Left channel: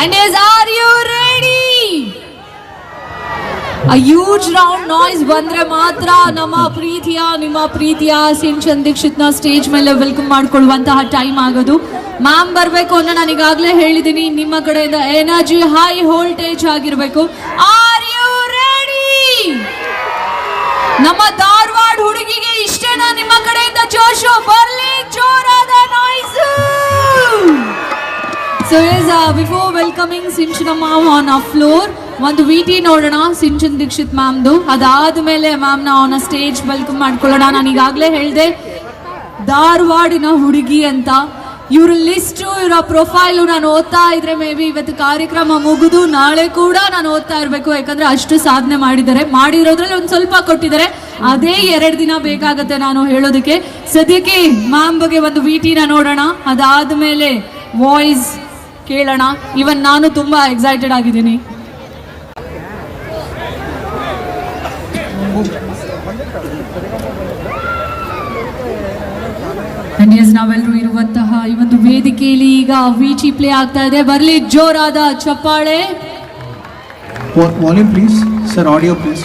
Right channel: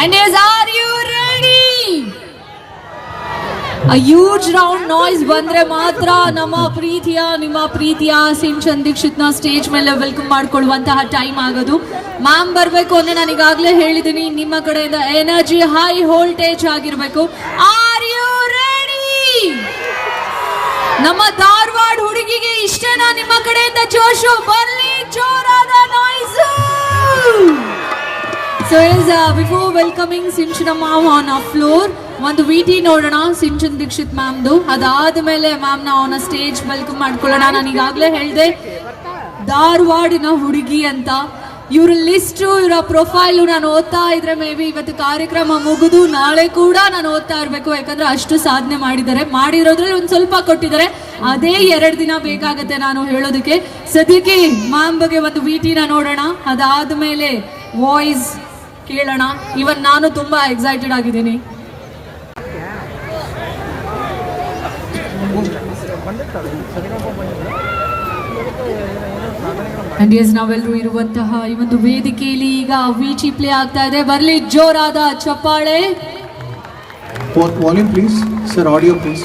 And is, are you ready? A huge round noise ಬಂದ್ರೆ ಮಾತ್ರ ನಮ್ಮ ಪ್ರೀತಿಯ, ನಿಮ್ಮ ಪ್ರೀತಿಯ ಸಿಂಚನ್ ದೀಕ್ಷಿತ್ನ ಸ್ಟೇಜ್ ಮೇಲೆ ವೆಲ್ಕಮ್ ಮಾಡ್ಕೊಳ್ಳುವಂತಹ ಟೈಮ್ ಆಗೋದು. ಮ್ಯಾಮ್ ಬರಬೇಕು ಅನ್ನೋ ನಾನು ಈಗಾಗಲೇ ಹೇಳಿದ್ದೀನಿ ನಿಮ್ಮ ಕಡೆಯಿಂದ ಎನರ್ಜಿ ಹೈ ವೋಲ್ಟೇಜ್ ಆಗಿರಬೇಕು. ಆರ್ ಯು ರೆಡಿ ನಮ್ಮ ಧಾರವಾಡ ಹುಡುಗಿಗೆ ಇಷ್ಟೇನಾ ನಿಮ್ಮ ಕಡೆಯಿಂದ ಜೋಶು? So is before welcoming Sinchana ಮಾವು ಆನ್ ಅ ಫ್ಲೋರ್ ಒಂದು ವಿ ಟಿ ನೋಡೋಣ ಸಿಂಚನ್ ದೀಕ್ಷಿತ್ ಮ್ಯಾಮ್ದು ಅದಾದ ಮೇಲೆ ಮ್ಯಾಮ್ನ ಆನ್ ಅ ಸ್ಟೇಜ್ ವೆಲ್ಕಮ್ ಮಾಡ್ಕೊಳ್ಳೋಣ. ನಾನು ಈಗಾಗಲೇ ಹೇಳಿದೆ, ಧಾರವಾಡಿನ ಹುಡುಗಿ ಅಂತ. ಇವ್ರ ಲಿಸ್ಟು ಇವರ ಪ್ರೊಫೈಲು ನಾನು ಓದ್ತಾ ಇದ್ರೆ ಮೇ ಬಿ ಇವತ್ತು ಕಾರ್ಯಕ್ರಮ ಮುಗಿದು ನಾಳೆ ಕೂಡ ನಾನು ಓದ್ತಾ ಇರಬೇಕು. ಯಾಕಂದ್ರೆ ಅಷ್ಟು ಸಾಧನೆ ಮಾಡಿದ್ದಾರೆ. ಮಾಡಿರೋದ್ರಲ್ಲಿ ಒಂದು ಸ್ವಲ್ಪ ಕೊಟ್ಟಿದ್ದಾರೆ. ಅದೇ ಎರಡು ದಿನ ಬೇಕಾಗತ್ತೆ ನಾನು ಹೇಳೋದಕ್ಕೆ. ಸದ್ಯಕ್ಕೆ ಮ್ಯಾಮ್ ಬಗ್ಗೆ ಒಂದು ವಿ ಟಿನ ನೋಡೋಣ. ಅದಾದ್ಮೇಲೆ ವಾಯ್ಸ್ ಕೇಳೋಣ. ಇವನ್ ನಾನು ತುಂಬಾ ಎಕ್ಸೈಟೆಡ್ ಆಗಿದ್ದೀನಿ. ನಾವೆಲ್ಲರೂ ಇರುವಂತಹ ಈ ಒಂದು ವೇದಿಕೆಯಲ್ಲಿ ಈಗ ವಿಚಿ ಪ್ಲೇ ಆಗ್ತಾ ಇದೆ. ಬರ್ಲಿ ಜೋರಾದ ಚಪ್ಪಾಳೆ. Volume please sir audio please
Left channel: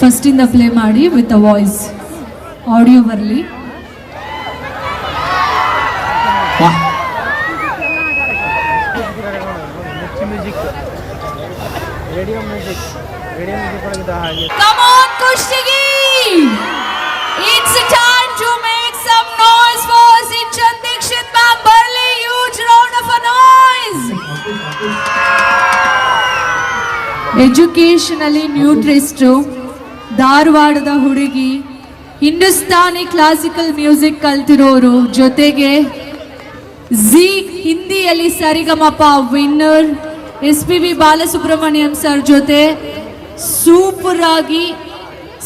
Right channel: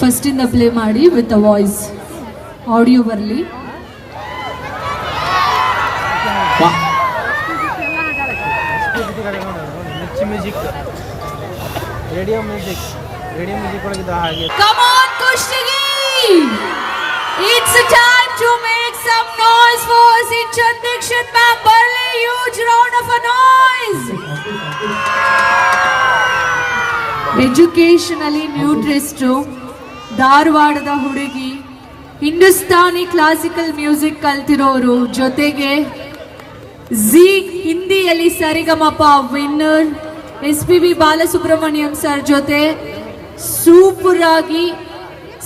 first ಇಂದ ಪ್ಲೇ ಮಾಡಿ ವಿತ್ ಅ ವಾಯ್ಸ್ ಆಡಿಯೋ ಬರಲಿ. It's time to make some noise for ಅನ್ ಚ 않್ದಿಕ್ಷಿತ್ barley use of a noise! Educationally nutritionist ಧಾರವಾಡದ ಹುಡುಗಿ ಹಿಂದೂಸ್ತಾನಿ ಕ್ಲಾಸಿಕಲ್ ಮ್ಯೂಸಿಕ್ ಕಲ್ತಿರೋರು ಜೊತೆಗೆ ಜಿ ಹಿಂದಿಯಲ್ಲಿ Saregamapa winner S P B Balasubrahmanyam sir ಜೊತೆ ಸೂಪರ್ ಆಗಿ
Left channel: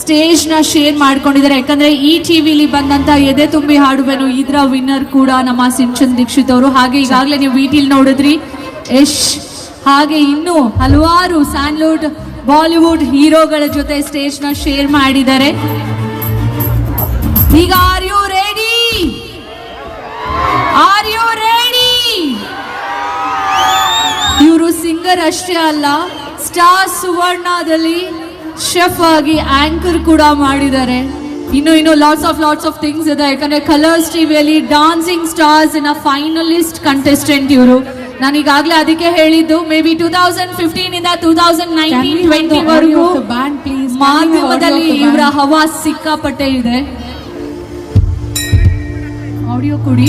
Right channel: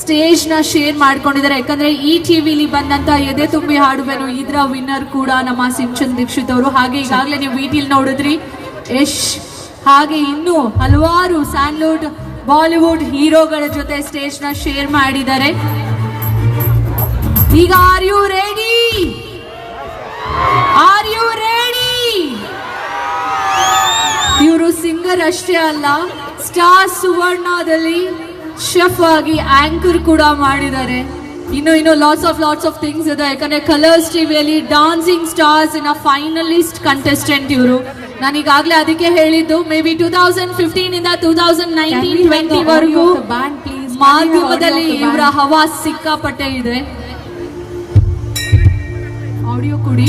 ಸ್ಟೇಜ್ನ ಶೇರ್ ಮಾಡ್ಕೊಂಡಿದ್ದಾರೆ. ಯಾಕಂದ್ರೆ ಈ ಟಿವಿಲಿ ಬಂದಂತ ಎದೆ ತುಂಬಿ ಹಾಡುವೆನು, ಇದರ ವಿನ್ನರ್ ಕೂಡ ನಮ್ಮ ಸಿಂಚನ್ ದೀಕ್ಷಿತ್ ಅವರು. ಹಾಗೆ ಈಗಾಗಲೇ ನೀವು ವಿಟಿಲ್ ನೋಡಿದ್ರಿ. ಯಶ್. ಹಾಗೆ ಇನ್ನು ಹಲವಾರು ಸ್ಯಾನ್ಲುಡ್ ಬಾಲಿವುಡ್ ಹೀರೋಗಳ ಜೊತೆ ಸ್ಟೇಜ್ನ ಶೇರ್ ಮಾಡಿದ್ದಾರೆ. ಈಗ ರೆಡಿ ಆರ್ ಯು ರೆಡಿ ಇವರು ಸಿಂಗರ್ ಅಷ್ಟೇ ಅಲ್ಲ ಸ್ಟಾರ್ ಸುವರ್ಣದಲ್ಲಿ ಶೆಫ್ ಆಗಿ ಆಂಕರ್ ಕೂಡ ಮಾಡಿದ್ದಾರೆ. ಇನ್ನು ಇನ್ನು lots of lots of things ಇದೆ. ಯಾಕಂದ್ರೆ ಕಲರ್ಸ್ ಟಿವಿಯಲ್ಲಿ dancing stars in finalist contestant ಇವರು. ನಾನು ಈಗಾಗಲೇ ಅದಕ್ಕೆ ಹೇಳಿದ್ದು maybe two thousand fifteen ಇಂದ ಟೂ ತೌಸಂಡ್ ನೈನ್ಟೀನ್ ಟ್ವೆಂಟಿ ವರೆಗೂ ಮಾಧ್ಯಮದಲ್ಲಿ ಇವರ ಹವಾ ಸಿಕ್ಕಾಪಟ್ಟೆ ಇದೆ. ಆಡಿಯೋ ಕೊಡಿ.